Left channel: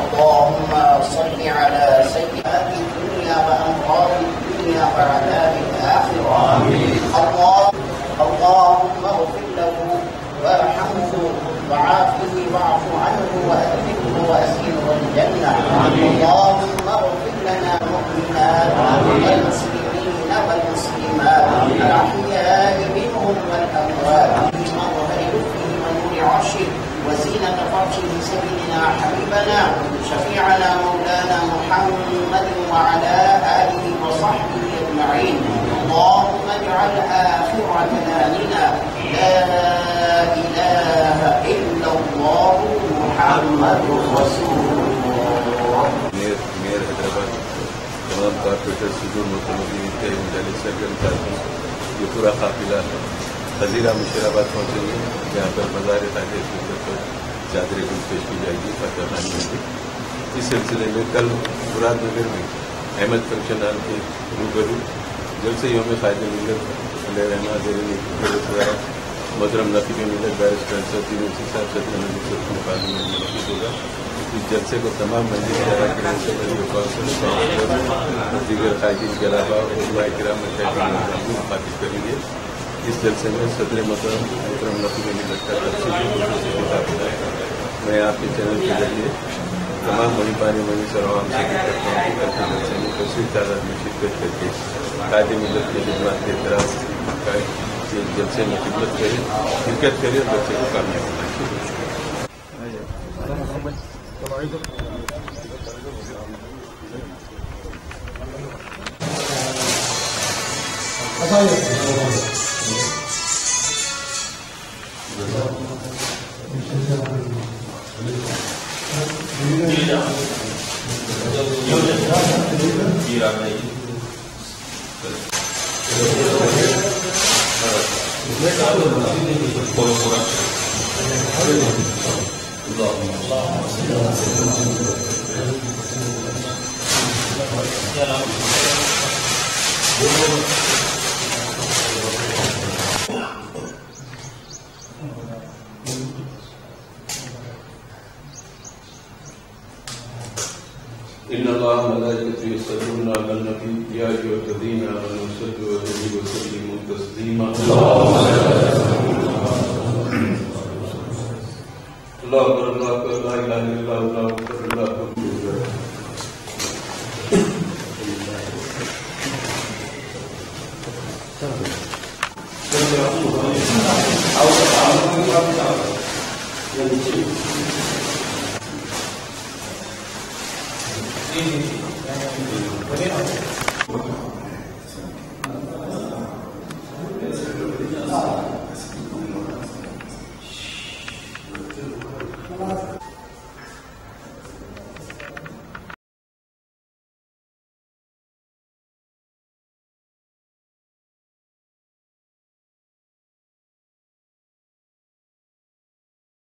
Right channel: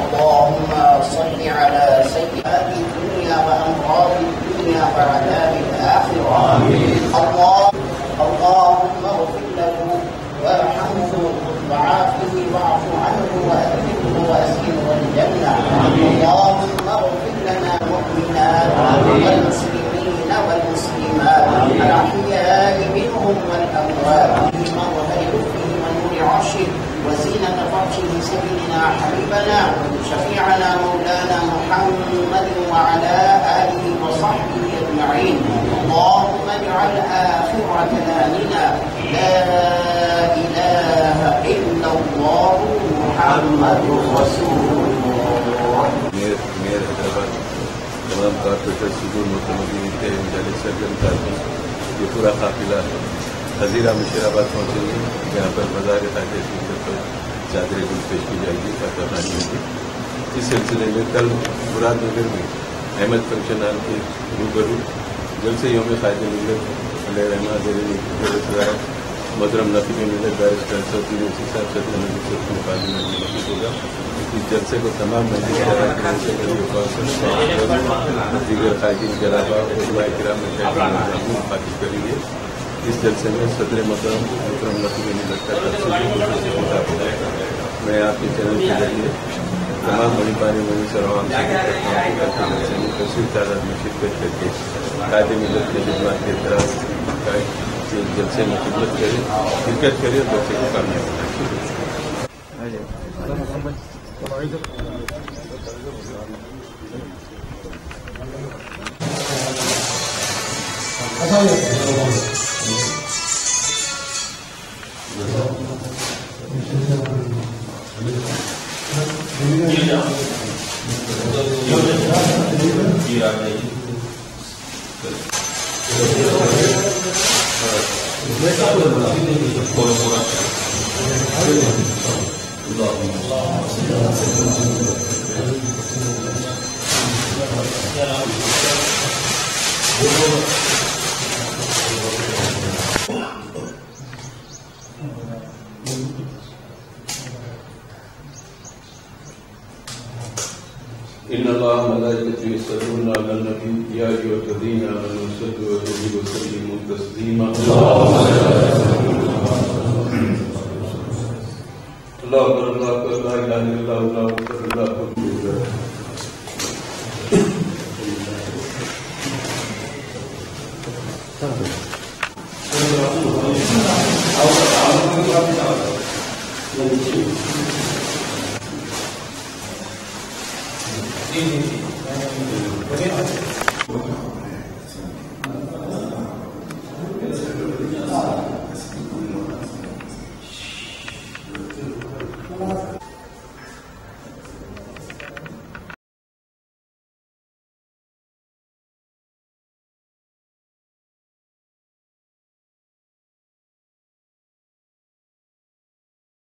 اللهم صل على سيئات الدنيا وأمراض الدنيا وعذاب الآخرة. اللهم اغفر له وارحمه وعافه واعف عنه وأدخله وأسكنه الجنة. اللهم اغفر لنا المؤمنات والمسلمين والمسلمات الأحياء منهم والأموات وبارك فيهم من نور عرشك وزينة فرشه سيدنا حبيبنا شفيعنا مولانا محمد وعلى آله وصحبه أجمعين. اللهم اجعل آخر كلامنا لا إله إلا الله محمد رسول الله. मेयर हैदराबाद तमाम कारपोरेटर सुदूर मुतमदीन के मुजालिस सरगर्म साथी ये पूरा काफिला हजीरा मुशीराबाद पहुँचेंगे, जहाँ पर मज़ार ख़ाजा शिरकत पर चादर गुल पेश की जाएगी, फातिहा खानी होगी। इस सिलसिले में कल मुरादनगर में अहमद फंक्शन हॉल के रूबरू जलसे योम ख़ाजा मिलत मोहतरम नकीब मिलत बैरिस्टर सऊदी साहब सदर नजीब के मुकाबले में नकीब होगा। इस जलसे को तमाम मस्जिद दीगर कायदीन के अलावा उलमाए किराम मुखातिब करेंगे। इस जलसे में सदर मोहतरम नकीब मिलत का तफसीली खिताब होगा। मैं आपके चैनल के जरिए तमाम महिबानी मनी सराम से करता हूँ कि कल जलसे में कसीर तादाद में शिरकत करके कायदे मिलत के खिदमत के तरफ जलसे में शिरकत करें और जलसे को कामयाब बनाएं। इन्नल्लाह मलाइकतहु युसल्लूना अलन नबी या अय्युहल्लज़ीना आमनू सल्लु अलैहि व सल्लिमू तस्लीमा। अल्लाहु अकबर ला इलाहा इल्लल्लाह अल्लाहु अकबर अल्लाहु अकबर। आओ जी